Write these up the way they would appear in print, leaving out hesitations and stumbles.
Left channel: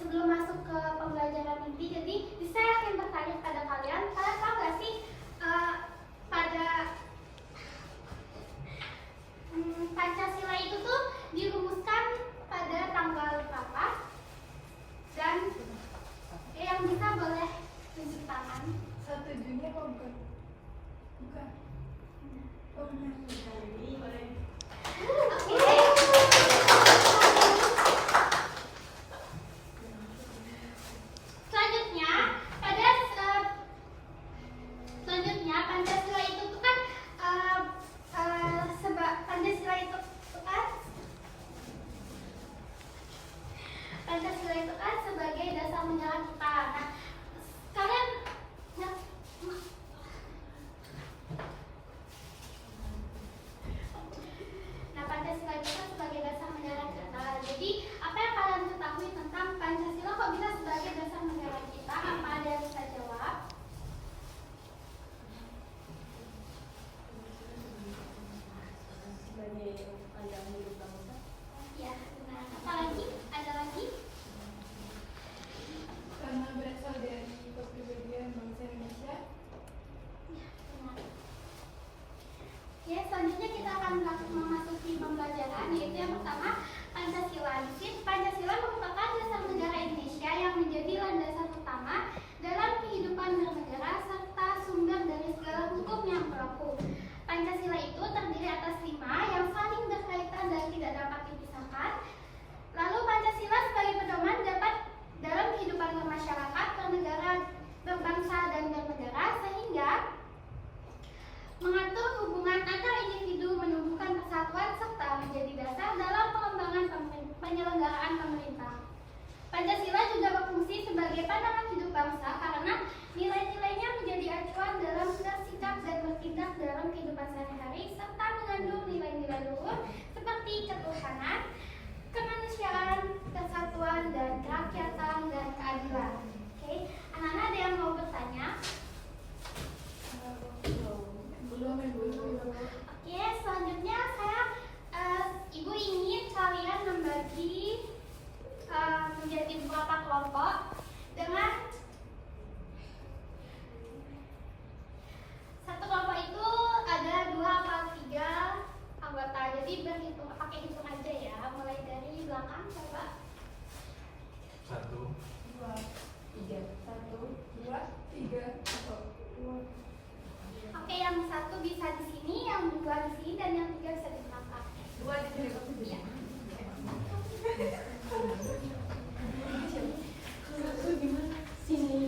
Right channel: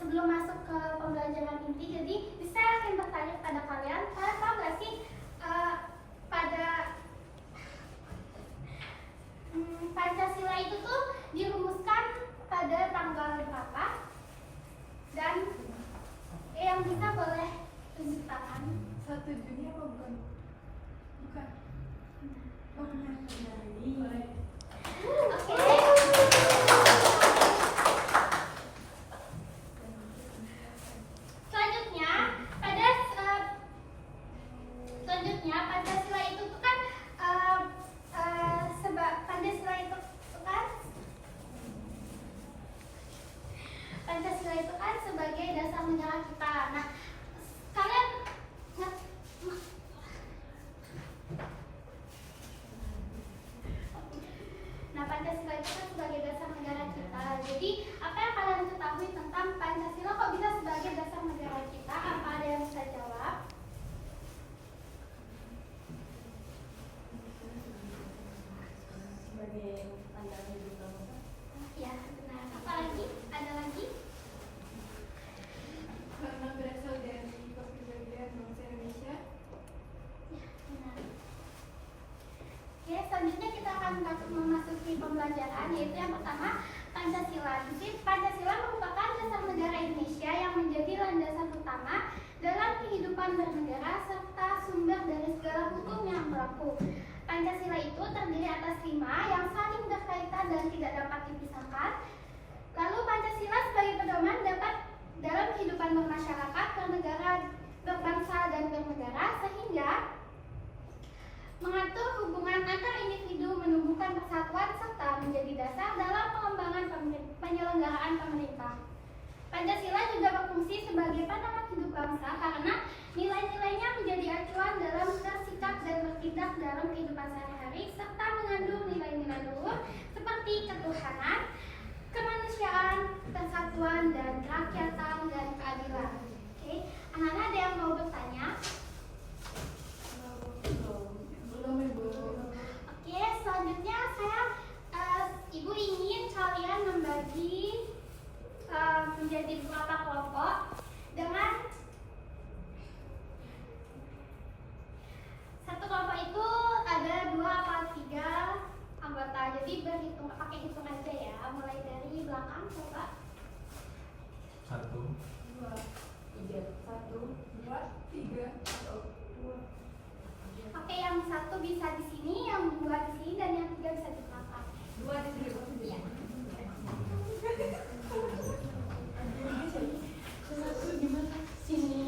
sebelum masuk ke pembelajaran inti, jadi saya akan bertanya kepada kalian tahu nggak sih pada Pancasila itu tuh dirumuskan pada tanggal berapa? Dan yang bisa boleh tunjuk tangan. 1 Juni apa bukan? Bukan. Oh benar. Oke. Selanjutnya Pancasila itu tuh kan Pancasila itu kan sebagai dasar negara kita. Nah, kalian Pancasila itu kan sebagai dasar negara kita. Jadi, apa yang kalian ketahui tentang Pancasila kok bisa sebagai dasar negara kita? Apa ada yang bisa jawab? Sebagai ayam hidup bangsa. Ya, nah, apa lagi? Ada lagi? Karena berasal dari kepribadian bangsa Indonesia. Ya, benar. Oke, selanjutnya kita akan memasuki pembelajaran, yaitu yang pertama Pancasila. Pancasila merupakan dasar negara Indonesia yang menjadi landasan utama dalam kehidupan bernegara serta sumber dari segala hukum yang berlaku. Pancasila itu terdiri atas 5 yang saling berkaitan dan tidak dapat dipisahkan. Lalu Pancasila sebagai pedoman dapat dalam kehidupan bermasyarakat, bernegara, berbangsa dan bernegara, sehingga mengatur hubungan antar individu, menumbuhkan persatuan serta menjadi dasar dalam pengembangan penyelenggaraan pemerintah. Pancasila juga berfungsi sebagai pandangan hidup bangsa karena nilai-nilainya menjadi acuan dalam bersikap dan bertindak dalam kehidupan sehari-hari serta mengandung nilai-nilai luhur seperti ketuhanan, kemanusiaan, persatuan, dan kerakyatan dan keadilan. Oke, anak-anak ada yang mau bertanya? Oke, selanjutnya Ibu ingin kalian membagi menjadi beberapa kelompok dengan satu kelompok itu ada 2 atau 3 anggota. Jadi berhitung pakai hitungan aja ya. Mulai dari belakang coba. 1, 2, 3. 1, 2, 3. Oke, yang satu bisa di sini, yang 2 di sini, dan yang 3 bisa di belakang. 2 di sini. Iya. Sini.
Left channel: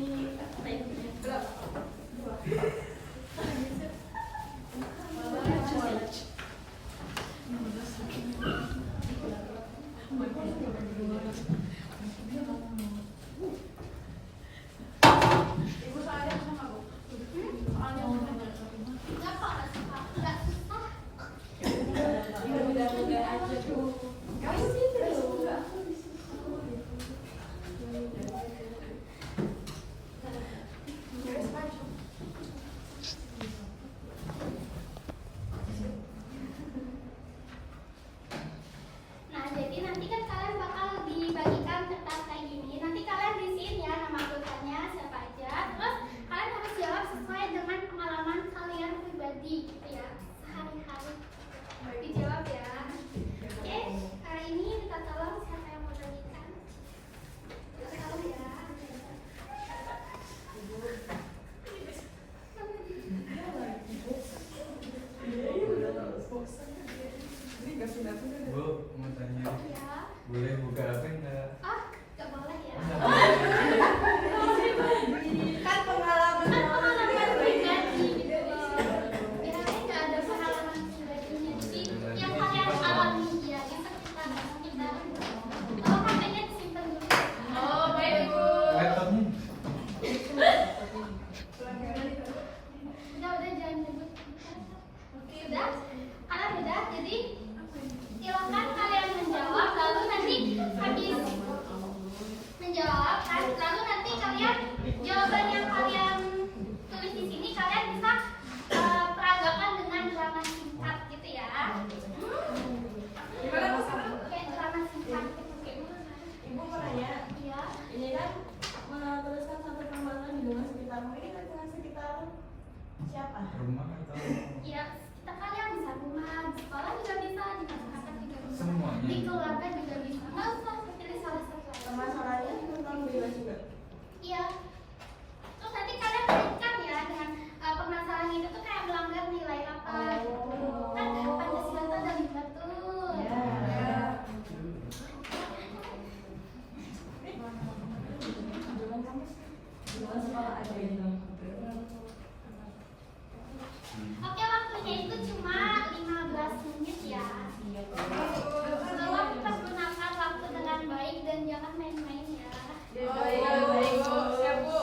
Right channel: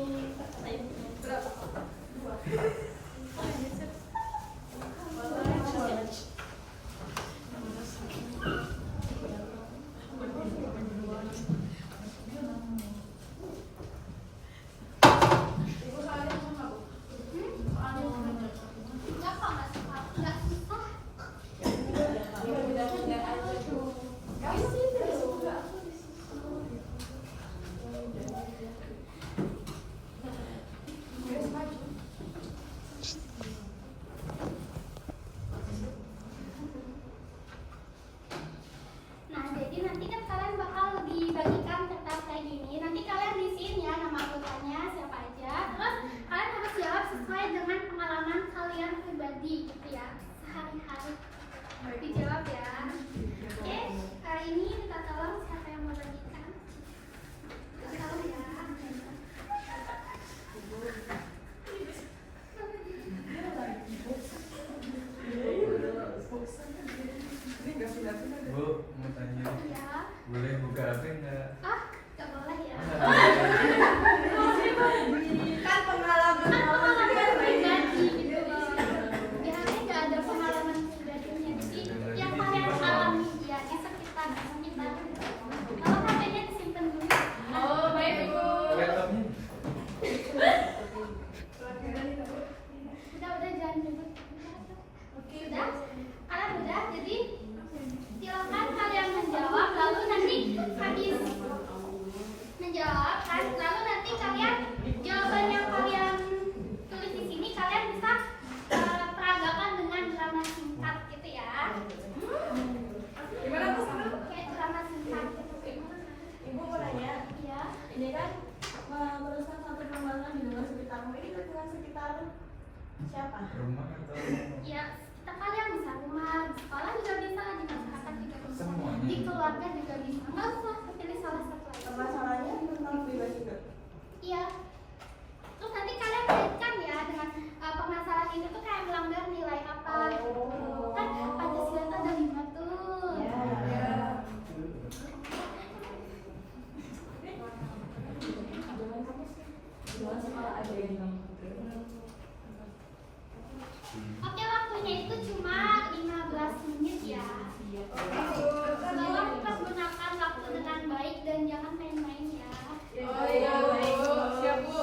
Nah, jadi nanti kan kalian bakal dibagikan kertas kayak gini. Nanti kalian isiin ya nama anggotanya siapa aja. Terus kalian harus jawab sesuai dengan pengalaman kalian pribadi gitu ya, sehari-hari. Dijawab ya. Oke, hari ini kita tolong siapa yang mau bagikan. Tolong ya. Bu, mau tanya, Ya. boleh buka HP enggak? Ah, gak boleh ya. Kan pengalaman Pribadi gitu loh. Di hari nggak ada pengalaman pribadinya. Jadi yang kalian alami ya di sekitar kita. Kalau HP-nya disimpan dulu. Oh, baik Bu. Laptopnya? Udah jangan nyebut. Udah? Kalian udah? Jadi silakan kalian menjawab, lalu nanti habis menjawab kan, lalu nanti kalian jawaban yang kalian tulis di sini kalian bisa peragakan dengan drama singkat gitu ya. Gimana tuh? Kayak drama singkat gitu. Ibu mau nanya. Ya. ini kan meneruskan satu pembangunan di lingkungan sekitarmu. Ini lingkungan sekitar siapa? Rumah atau Ya, kita kalian bisa rumah, di sekolah juga bisa, di masyarakat juga bisa, Semuanya. di keluarga juga bisa. Nggak usah pilih salah satu aja. Permasalahannya tentang pribadi juga. Iya. Terus nanti kalian kaitkan ya dengan permasalahan itu tuh kayak melanggar nilai apa gitu. Kan Pancasila itu ada 5 tuh. Gimana sekolah aja ini? Oke, waktunya itu cuma 15 menit ya. Tolong tetap gunakan waktu dengan baik dan jangan main-main ya. Oh iya, baik. Siap, Bu.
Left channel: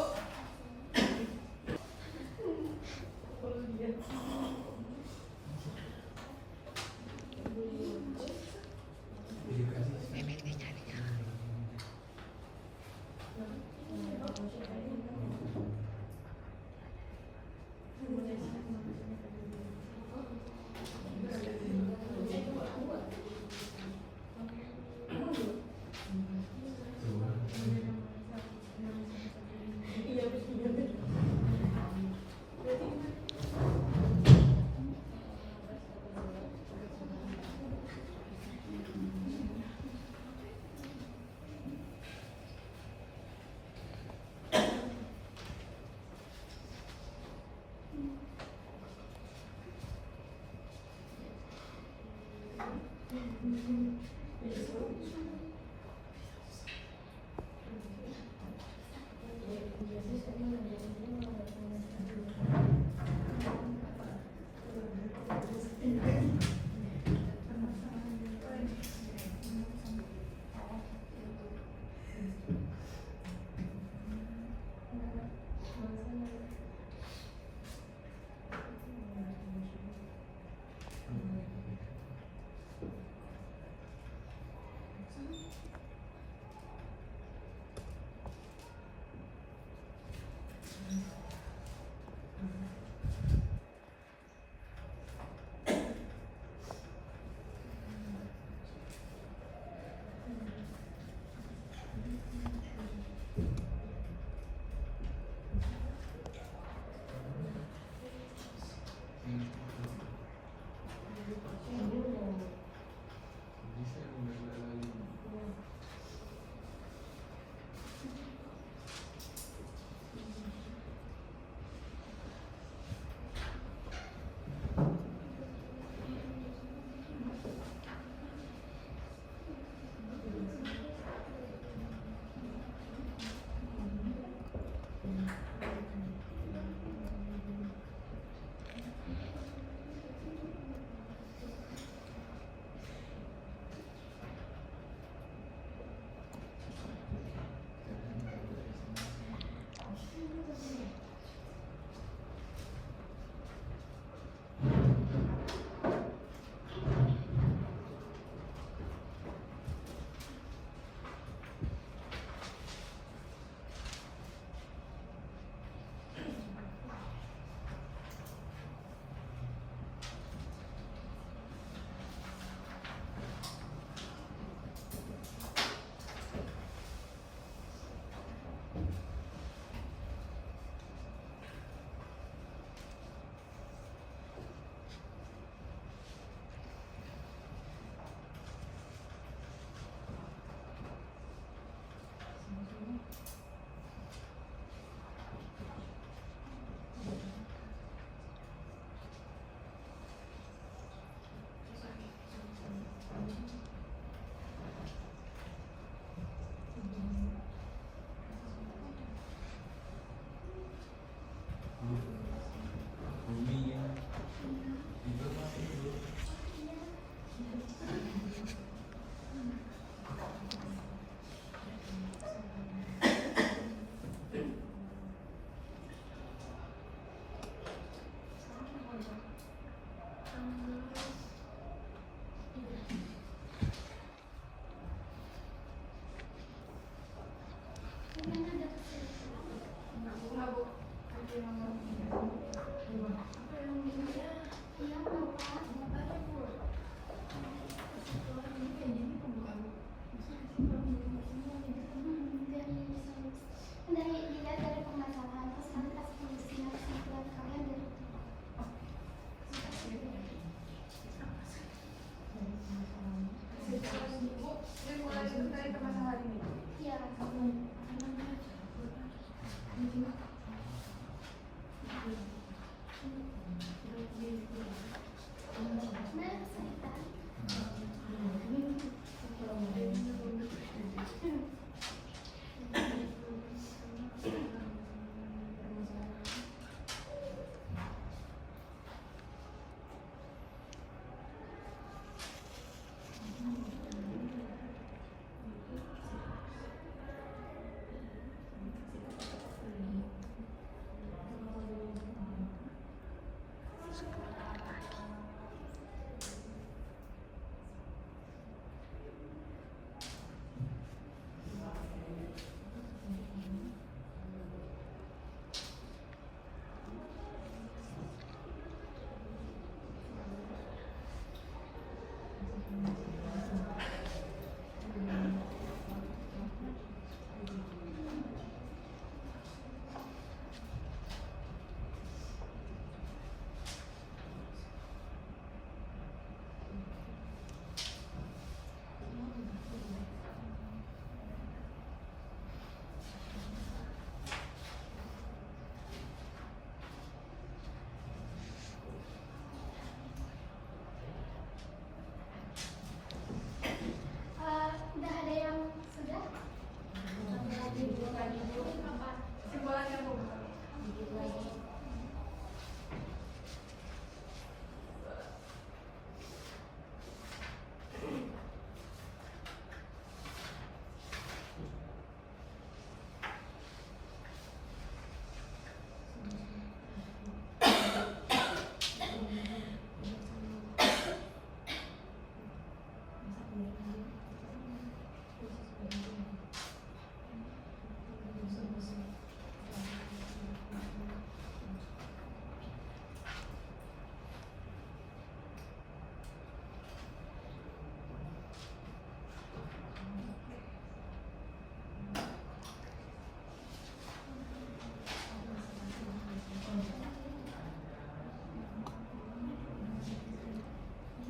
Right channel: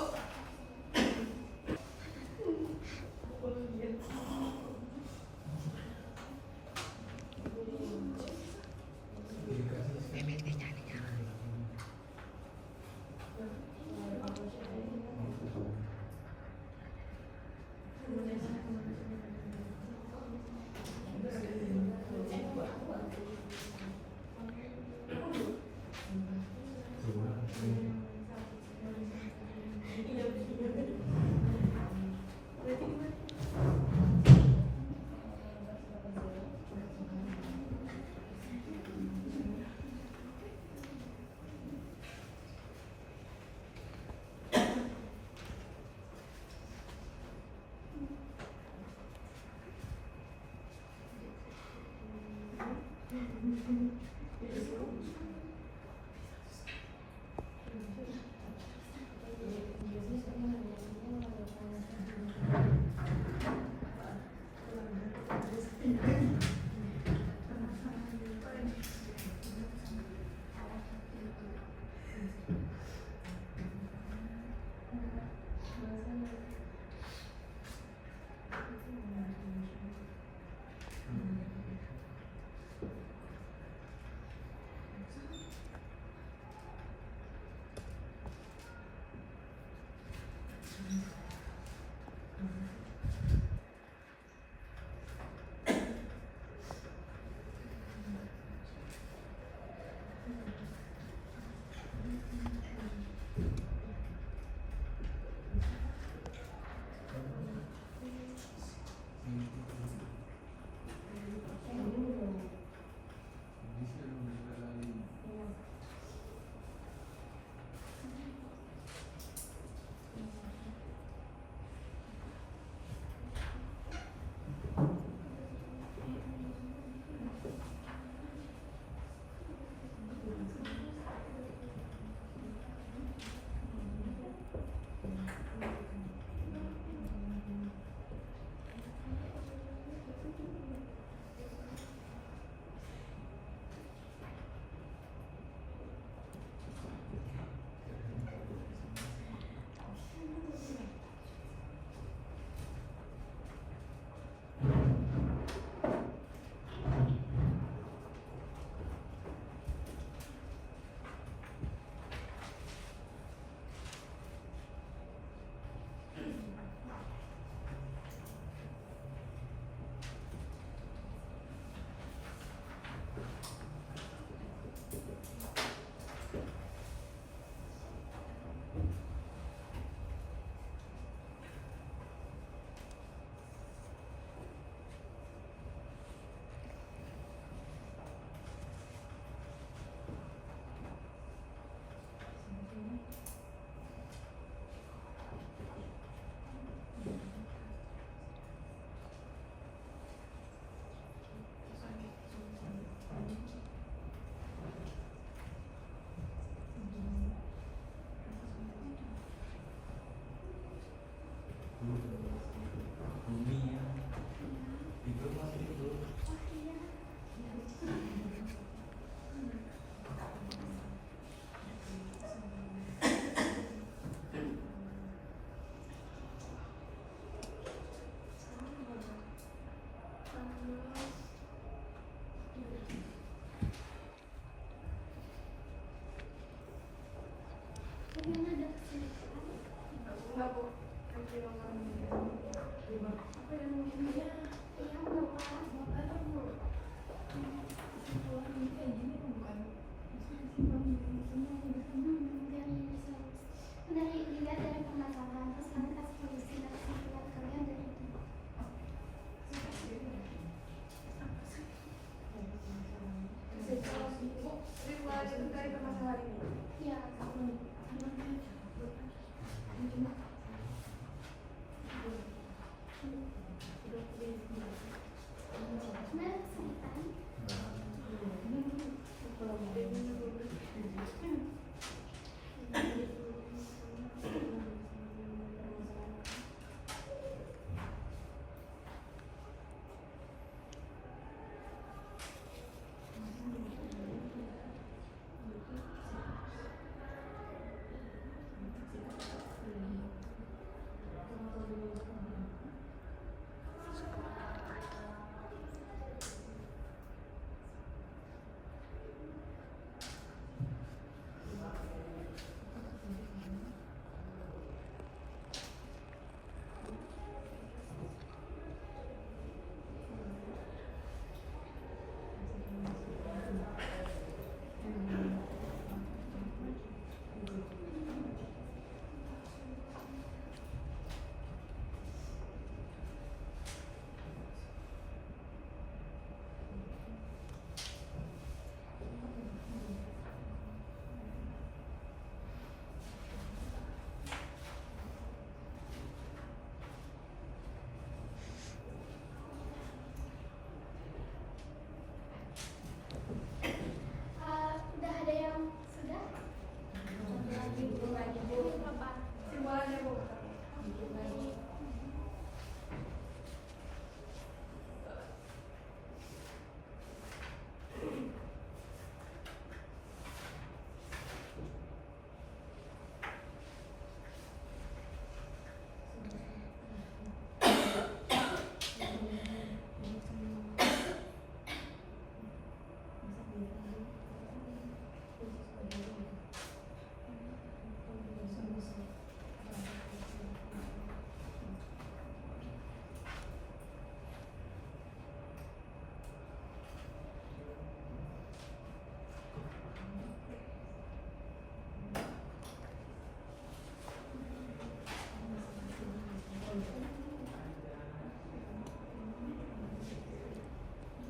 hafalannya Bu.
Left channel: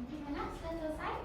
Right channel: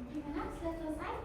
Gimana? Sudah selesai?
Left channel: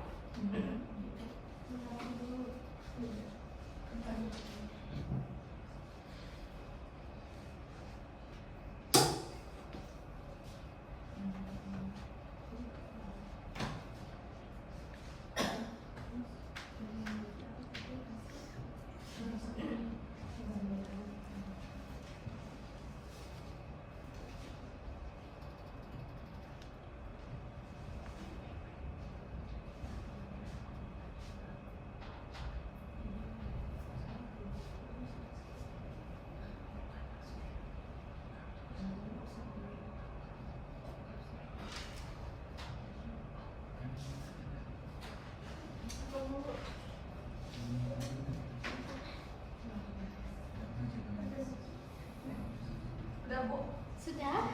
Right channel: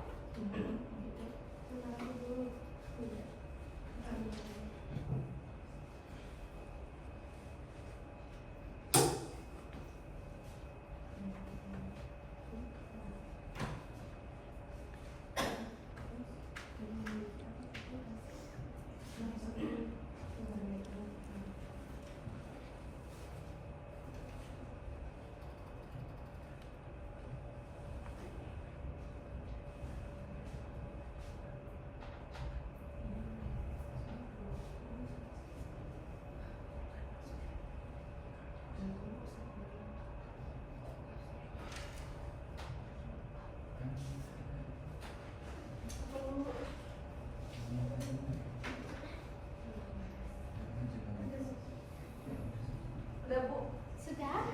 Udah Bu. Sudah? Nah,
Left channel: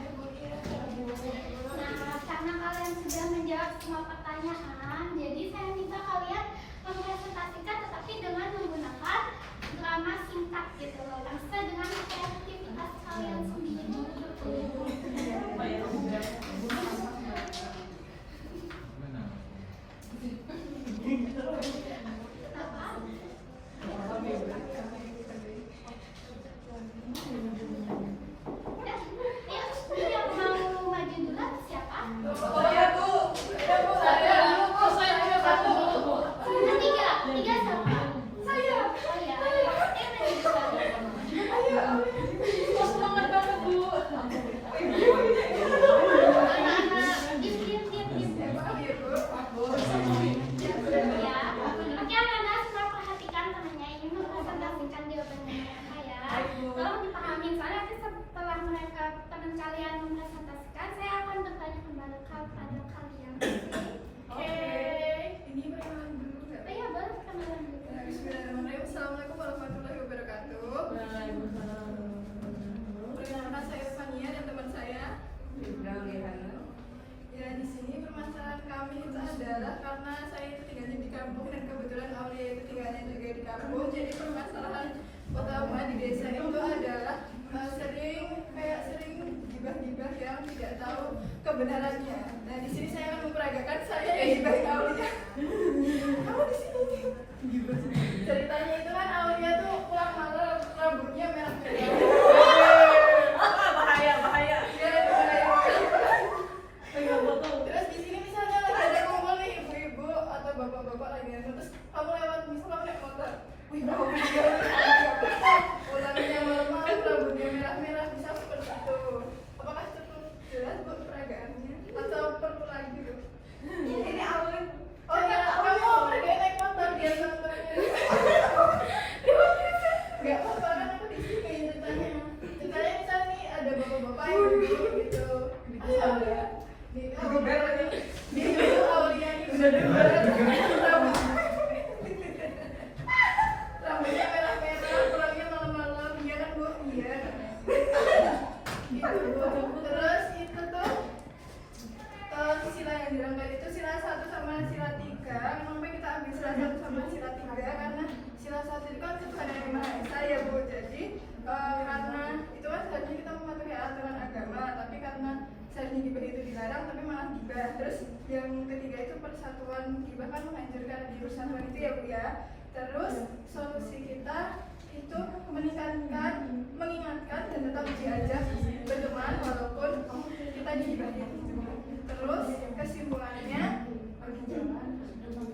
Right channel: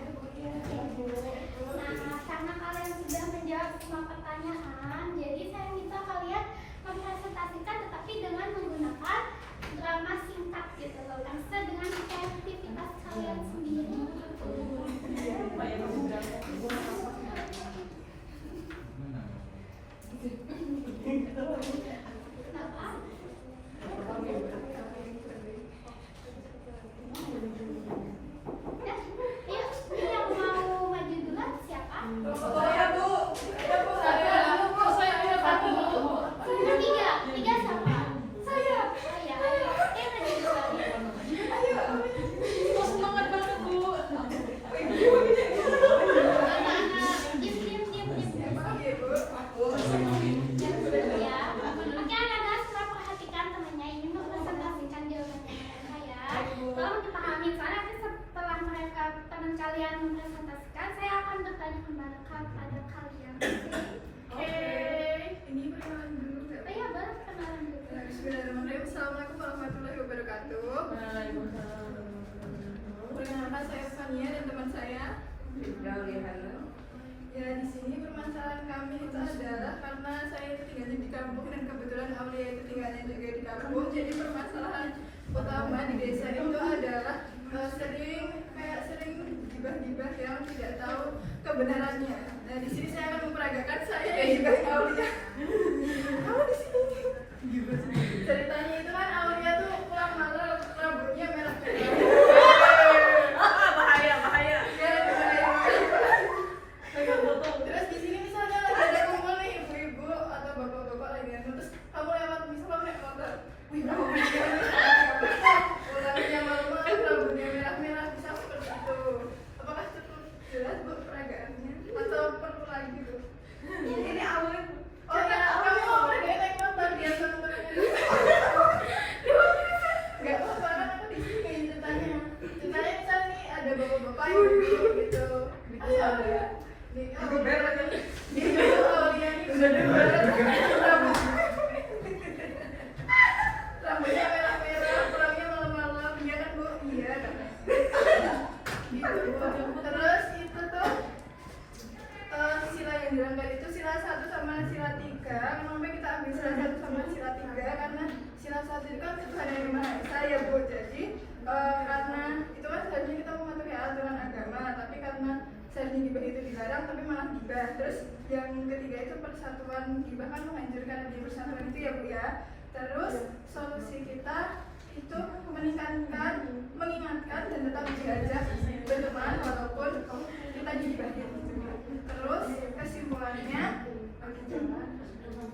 karena kalian sudah menjawab semua pertanyaan, jadi saya minta kalian mempresentasikan tetapi dengan menggunakan drama singkat gitu loh, yang sesuai dengan kreativitas kalian sendiri. Kenapa? Ya, yang mau maju duluan siapa? Saya Bu. Ada Bu saya. Saya punya satu. Tiga siapa? Saya. Oh ya, maju duluan. Ayo. Semangat banget Bu. Anak-anak, diam. Oke Bu. Ya. Oke, anak-anak semua perhatikan temannya ini mempresentasikan jawabannya ya. Tolong dipahami soalnya nanti setelah mereka teman kalian mempresentasikan, saya akan bertanya kembali kepada kalian. Oke. Ini perkenalan dulu nggak? Oh ya, boleh kenalan dulu. Bismillahirrahmanirrahim. Assalamualaikum warahmatullahi wabarakatuh. Perkenalkan saya Fania dan teman saya. Ya, di sini permasalahan kami itu adalah karena saya itu tinggalnya di kampung dan kebetulan Aulia itu tinggalnya juga di kampung. Jadi permasalahan utama di desa itu adalah sering gibah-gibah yang tidak tahu kebenarannya. Nah, di sini saya akan memperagakan saya yang gibah Aulia. Kamu di sini. Ceritanya itu kan Aulia tuh pulang malam rambutnya merah-merah. Bahaya. Ya, bahaya. Terus di sini misalnya lagi ada kumpul nih ibu-ibu atau bapak-bapak lagi ngomong, terus kamu lewat misalnya naik motor, wih rambutnya pulangnya malam-malam rambutnya merah-merah, bisa seperti itu. Apakah cukup jelas Bu peragaannya atau perlu lagi Bu? Ini awalnya. Oh ya, kamu pergi naik motor biar motornya. Gak apa-apa kan aku di sini kayak ceritanya. Ceritanya misalnya nih ada bapak-bapak yang duduk gitu. Asal ya. Dia juga Aulia nih udah rambutnya merah-merah, pulangnya malam-malam, iya kan Bu? Iya katanya. Gitu Bu. Terus itu tuh sila yang dirangkai itu sila 1 sama sila 3. Kenapa kita ambil sila 1 sama sila 3? Karena sila 1 itu kan Tuhan yang Maha Esa ya Bu. Jadi karena itu kan seharusnya kita mematuhi aturan agama, tapi karena seharusnya gibah itu dilarang tapi malah gibah. Terus yang ketiga itu persatuan, gibah kan menghancurkan di persatuan itu ya Bu ya. Terus solusi kita itu mengingatkan dan tetap diajak berteman walaupun kita digibahin. Terus kesimpulannya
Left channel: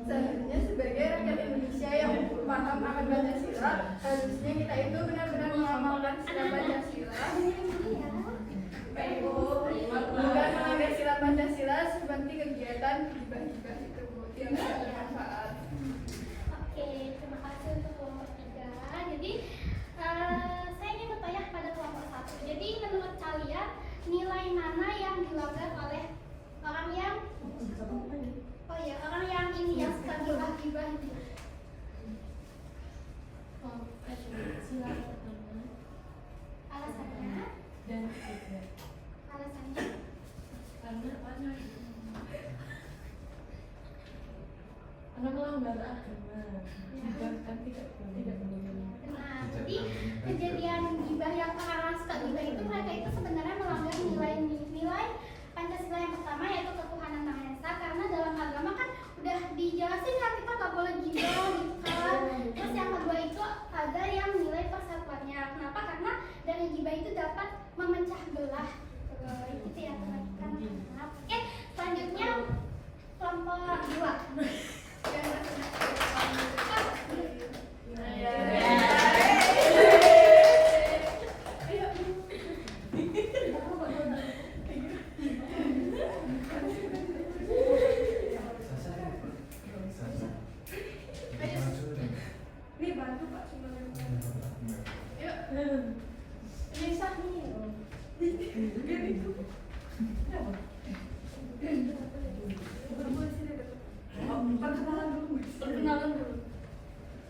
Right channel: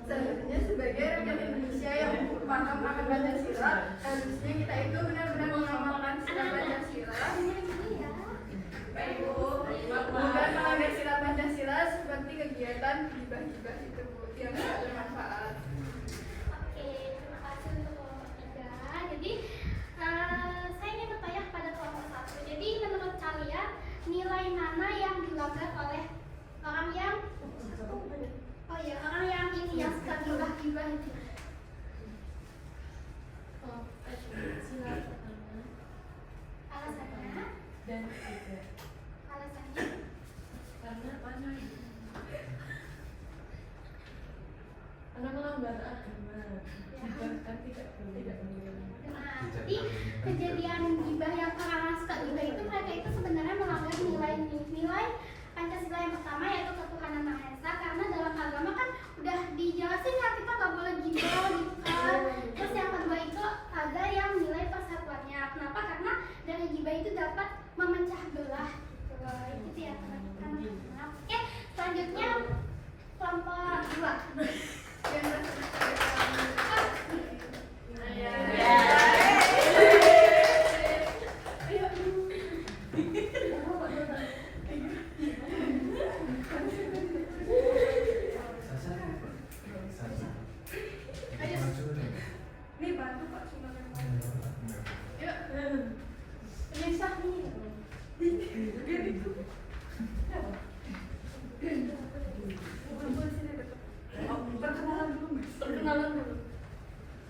seharusnya sebagai rakyat Indonesia yang paham akan Pancasila, harusnya kita itu benar-benar mengamalkan sila Pancasila gibah-gibah itu Bu, yang tidak bermanfaat. Oke, terima kasih untuk kelompok 3. Jadi saya ingin bertanya kepada kelompok 1. Jadi menurut kalian nilai mana yang dilanggar oleh orang yang orang yang ini yang suka gibah-gibah itu? Sila pertama Alasannya? dan ketiga. Alasannya? Karena mana? Karena melanggar agama. Bahkan tidak boleh. Nah, jadi kejadian gibah yang orang suka gibah itu mereka itu sebenarnya melanggar nilai Pancasila yang pertama yaitu ketuhanan Maha Esa, karena dalam agama kan udah dijelasin ya kita nggak boleh gibah gitu kan. Terus yang kedua itu ada yang nilai persatuannya. Kenapa? Karena dari gibah itu dapat memecah belah gitu. Itu yang teman-teman. Oke, selanjutnya kelompok 2. Yang ini bantu Pak sebenarnya. Yuk. Ini sah nih. Biar itu. Perkenalan dulu.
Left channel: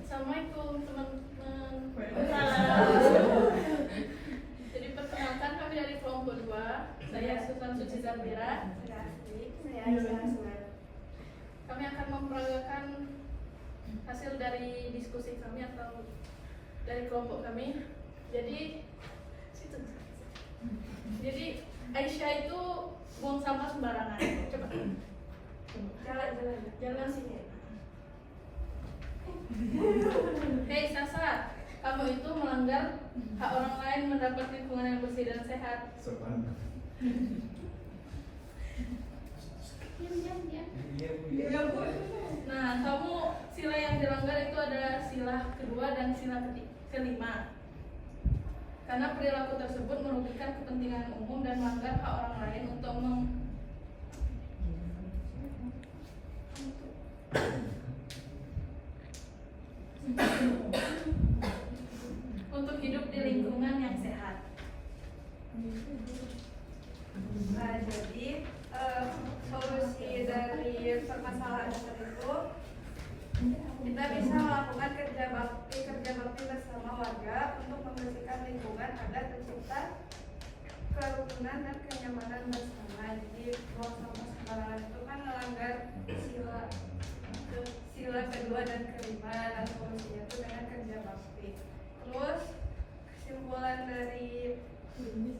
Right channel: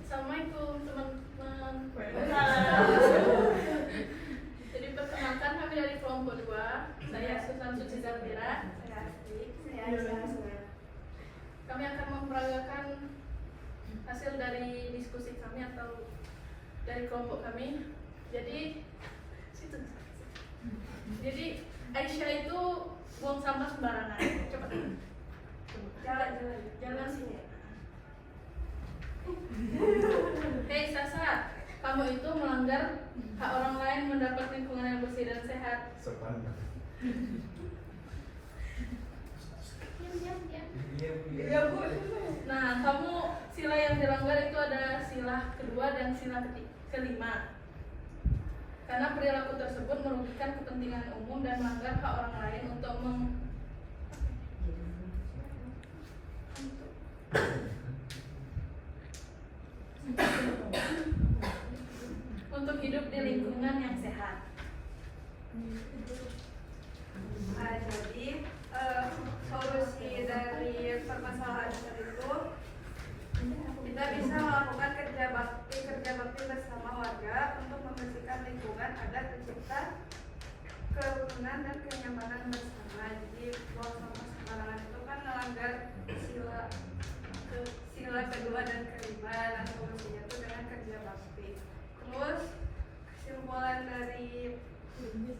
Assalamualaikum teman-teman. Jadi perkenalkan kami dari kelompok 2. Saya Susan Suci Zafira. Saya Asti. Saya Aisyah. Kami akan memperagakan hasil dari diskusi kami atau dari kelompok kami. Jadi Aisyah itu buang sampah sembarangan. Coba. Jalan sini. Hei Sasa, kamu itu melanggar hak orang lain mendapat lingkungan yang bersih dan sehat. Sopan. Diam. Nah, kamu sila yang dilanggar itu ada sila kedua dan sila kelima. Karena perilaku tersebut merugikan kepentingan umum dan melanggar hak orang lain untuk hidup di lingkungan yang sehat. Jadi solusi dari permasalahan itu kita bisa melakukan kerja bakti bersama warga untuk membersihkan lingkungan agar tercipta kerukunan dan kenyamanan bersama. Jadi buang sampah sembarangan itu kan melanggar sila kedua dan kelima, dan solusinya itu dengan kerja bakti. Terus kesimpulan dari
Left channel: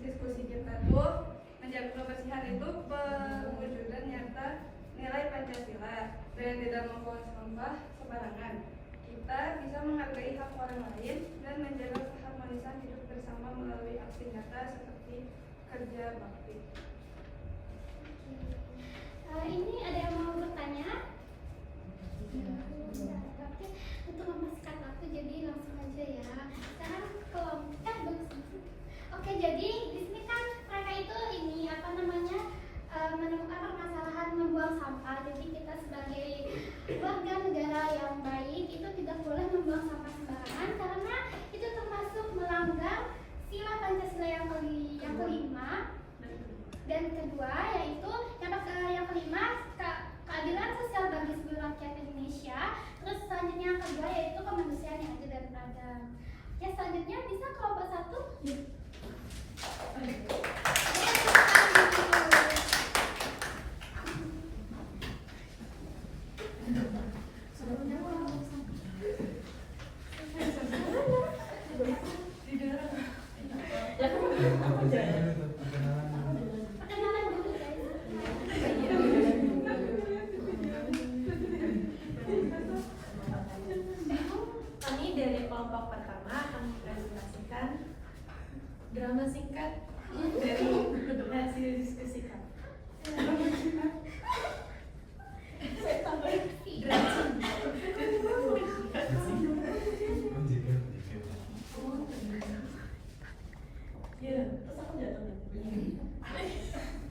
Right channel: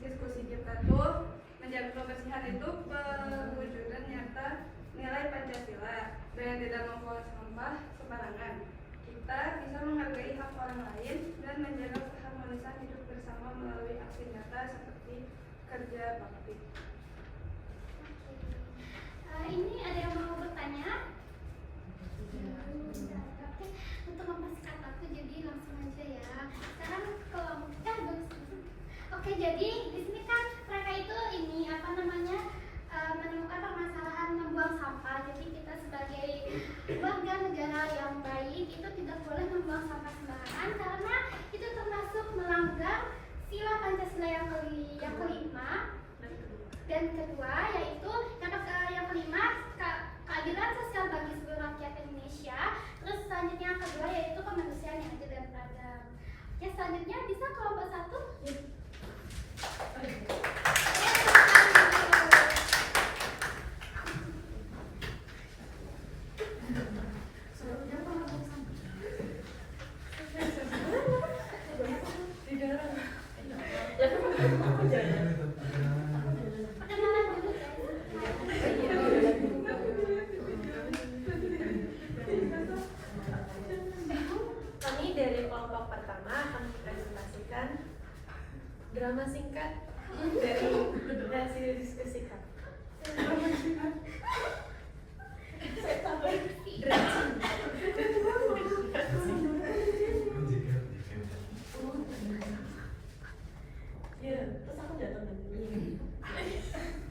diskusi kita tuh menjaga kebersihan itu perwujudan nyata nilai Pancasila dengan tidak membuang sampah sembarangan. Kita bisa menghargai hak orang lain dan menjaga keharmonisan hidup bersama melalui aksi nyata seperti kerja bakti. Ini ada yang mau bertanya? Oke, untuk mempersingkat waktu jadi langsung aja ya. Sekarang Oke, jadi di sini kan mereka itu menemukan permasalahan membuang sampah. Jadi kita sebagai warga negara yang baik itu tidak boleh membuang sampah sembarangan karena itu termasuk melanggar sila Pancasila yang kelima dan kedua, yaitu yang kelima keadilan sosial bagi seluruh rakyat Indonesia. Terus selanjutnya yang kedua yaitu kemanusiaan yang adil dan beradab. Ya, selanjutnya bisa kelompok 1. Perkenalan dulu Kami dari kelompok pertama akan mempresentasikan drama singkat dari hasil diskusi kami. Ya, terus aku jatuh lagi.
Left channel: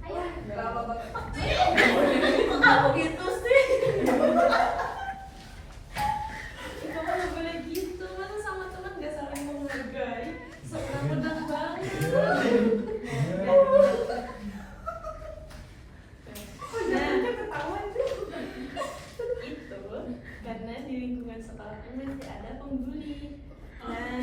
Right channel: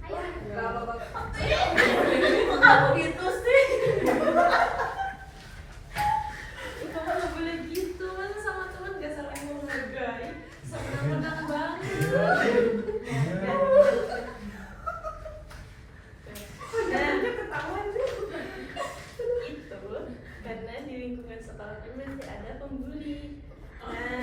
Ayo. Bapak-bapak. Aku gitu menang banget. Iya. Iya. Nah, ketahuan tuh. Itu karena di lingkungan sekolah kan masih ada pembuli. Nah,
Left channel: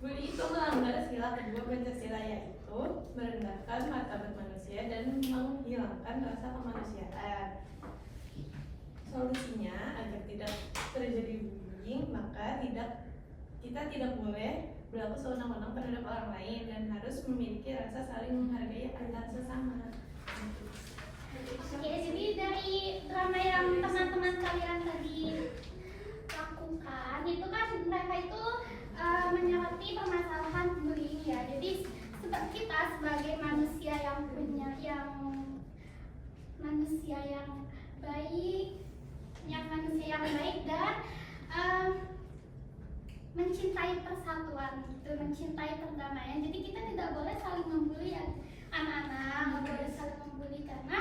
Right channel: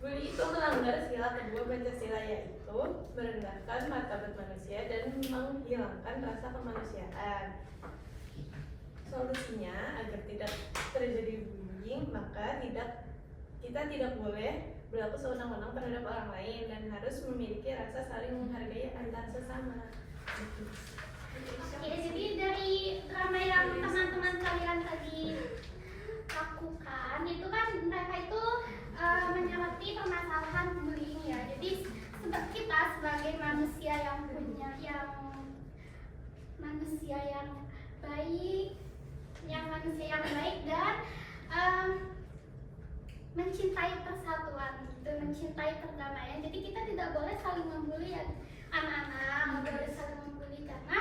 bully itu melanggar sila kedua Pancasila, yaitu merendahkan martabat manusia dan menghilangkan rasa kemanusiaan. Solusinya agar tidak terjadi bullying, maka kita tidak boleh berlaku sewenang-wenang terhadap orang lain dan harus memiliki rasa saling menghargai antar sesama. Oke, jadi dari drama yang teman-teman kalian tadi lakukan itu kan mereka itu menyoroti permasalahan bullying ya. Jadi kita sebagai manusia yang manusia yang baik, dan mencintai persatuan, gitu, mencintai perdamaian. Jadi kita tidak boleh saling membuli ya, anak-anak, nggak boleh saling membuli karena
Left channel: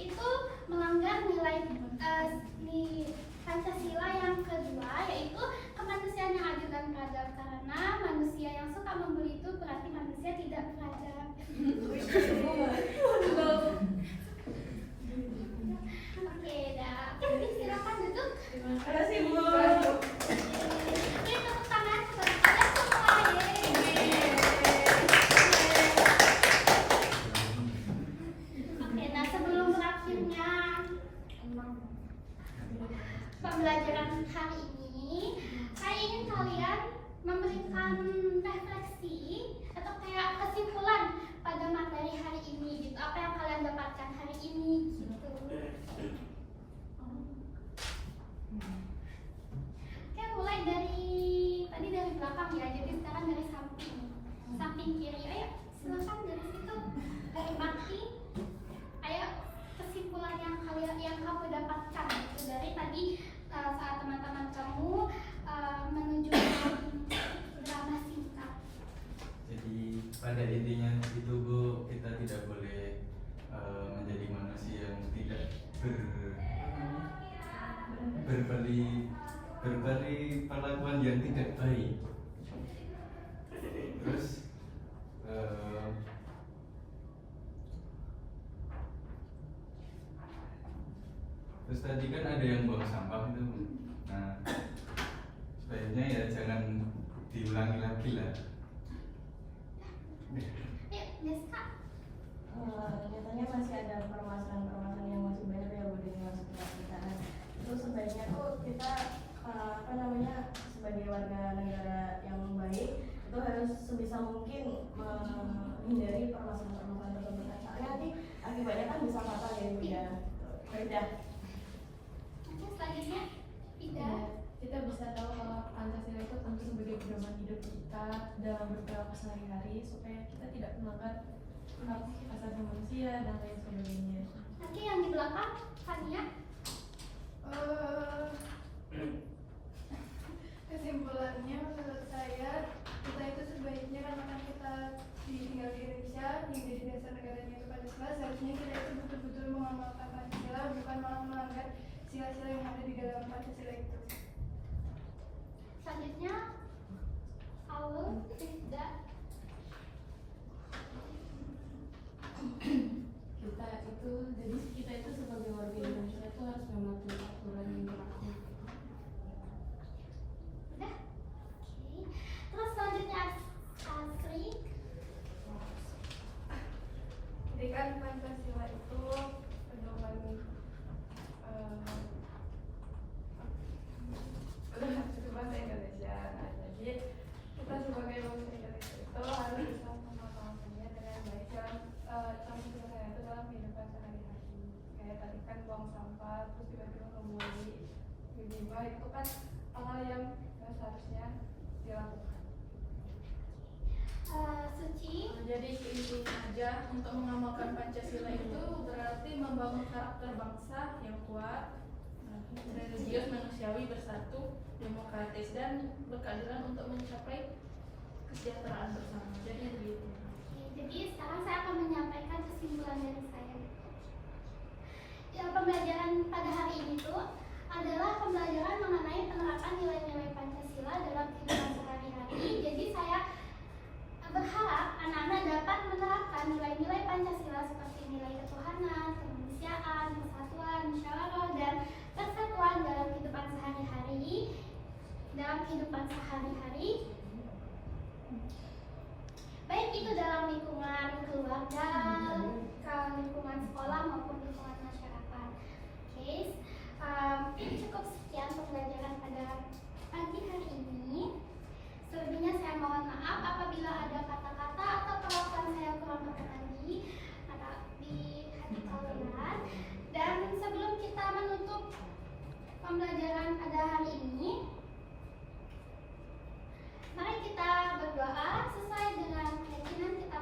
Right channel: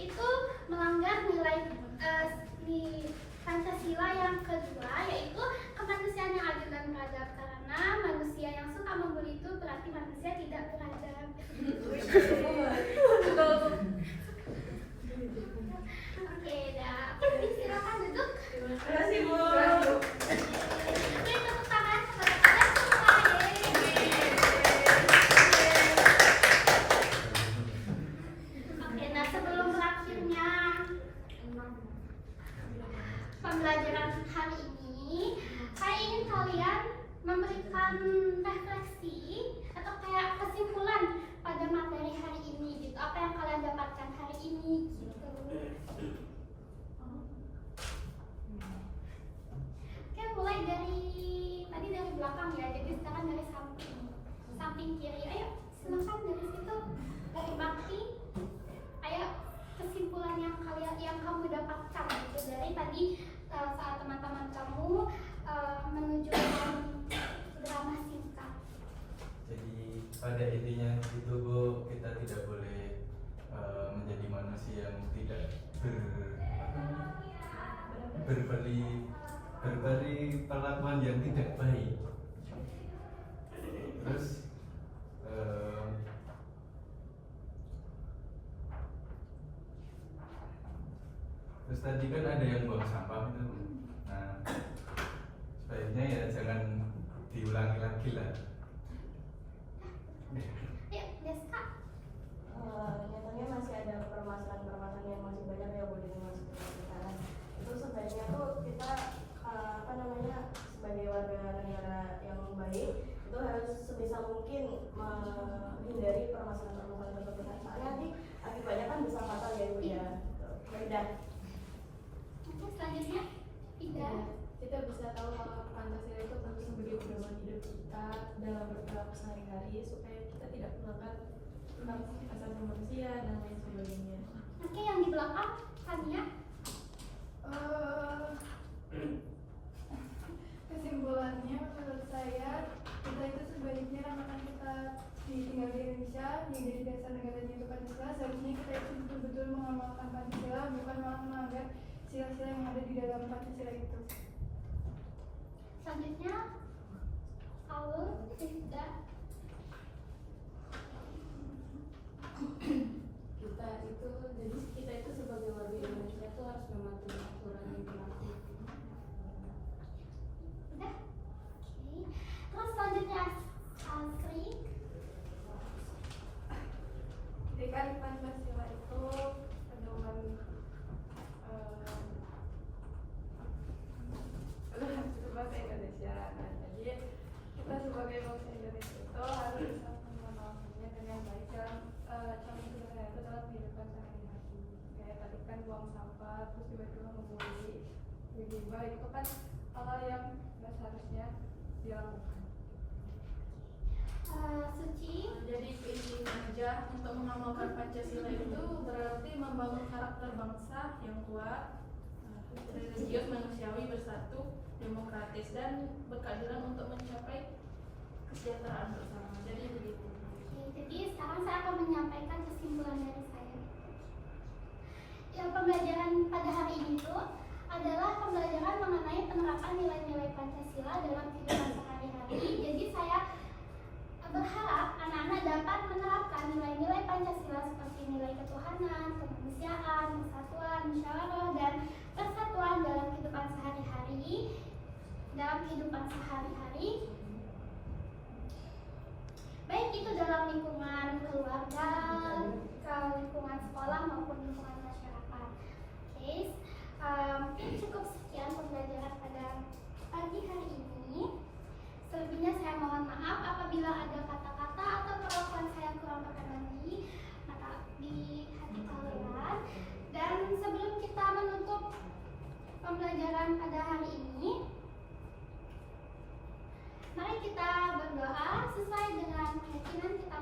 itu melanggar nilai Pancasila yang kedua, yaitu kemanusiaan yang adil dan beradab. Karena manusia yang suka membuli itu berarti manusia tidak beradab. Oke, silakan duduk. Terima kasih, Bu. Beri tepuk tangan kepada kalian semua. Oke, nah sebelum berakhirnya pembelajaran hari ini, saya ingin kalian memberikan refleksi atau kayak kesimpulan pada materi hari ini gitu. Apa yang kalian dapatkan hari ini gitu. Oke, mulai dari tadi dari belakang ya. Jadi sekarang dari samping kiri. Ayo, silakan dari situ. Dari Bakti. Ayo, kesimpulan yang kamu dapatkan gitu dari tadi saat teman-teman kamu menuju drama singkat. Jadi pada intinya itu Bu, kita tidak boleh menjadi manusia yang tidak berberi perlakuan yang tidak baik. Terus tadi kan ada yang buang sampah itu. Nah, sebaiknya ya jangan diulangi lagi lah. Ayo, Deska. Biasanya masih ada permasalahan-permasalahan yang masih banyak ya Bu di masuk ke kita. Itu sebaiknya tuh kita sebagai warga negara yang baik itu harus sebisa mungkin menghindari permasalahan-permasalahan tersebut. Soalnya nanti akibatnya kan bisa fatal ya Bu ya. Udah. Oke, selanjutnya Ida. Kita bisa tahu kalau Pancasila itu tentu sebagai pedoman hidup kita dalam berperilaku sehari-hari supaya kita tidak melanggar hak asasi manusia dan lain sebagainya. Oke, yang di belakang Tania. Kesimpulannya menurut saya kita itu sebaiknya karena kita tinggal di Indonesia, tinggal di dasar negaranya itu Pancasila, seharusnya kita itu betul-betul mengamalkan Pancasila, bukan malah melanggar sila-sila yang ada di dalam Pancasila itu. Selanjutnya Paul Rizda. Kita itu sebagai warga Indonesia itu harus mematuhi aturan yang berlaku. Udah? Oke. Terus selanjutnya Asri. Jadi kan Pancasila itu pedoman itu bahasa Indonesia. Nah, jadi kita sebagai bangsa Indonesia itu harus bisa memahaminya dengan baik dalam contoh sederhana itu dalam kehidupan sehari-hari. Kayak tadi kan buang sampah, terus tiba-tiba membuli, tiba-tiba itu kan hal-hal yang nggak seharusnya dilakukan. Suci. Jadi intinya aja untuk mengamalkan Pancasila itu berarti membangun karakter bangsa yang kuat, religius, manusiawi, bersatu, demokratis, dan berkeadilan untuk mencapai kesejahteraan bersama. Jadi begitu. Oke, jadi sekarang saya akan menyampaikan kesimpulan dari saya. Ya, pembelajaran pada hari ini tuh adalah pembelajaran mengenai penerapan nilai-nilai Pancasila dalam kehidupan dapat menerapkan nilai-nilai Pancasila seperti nilai ketuhanan, kemanusiaan, persatuan, musyawarah, dan persatuan dalam kehidupan sehari-hari, baik itu dalam lingkungan keluarga, lingkungan sekolah maupun lingkungan masyarakat. Oke, cukup sekian pembelajaran pada pagi hari ini. Selebihnya saya mohon maaf apabila ada kata-kata atau perlakuan saya kurang berkenan di hati kalian. Dan sebelum kita menutup pembelajaran pada hari ini, mari kita berdoa sesuai dengan keyakinan kita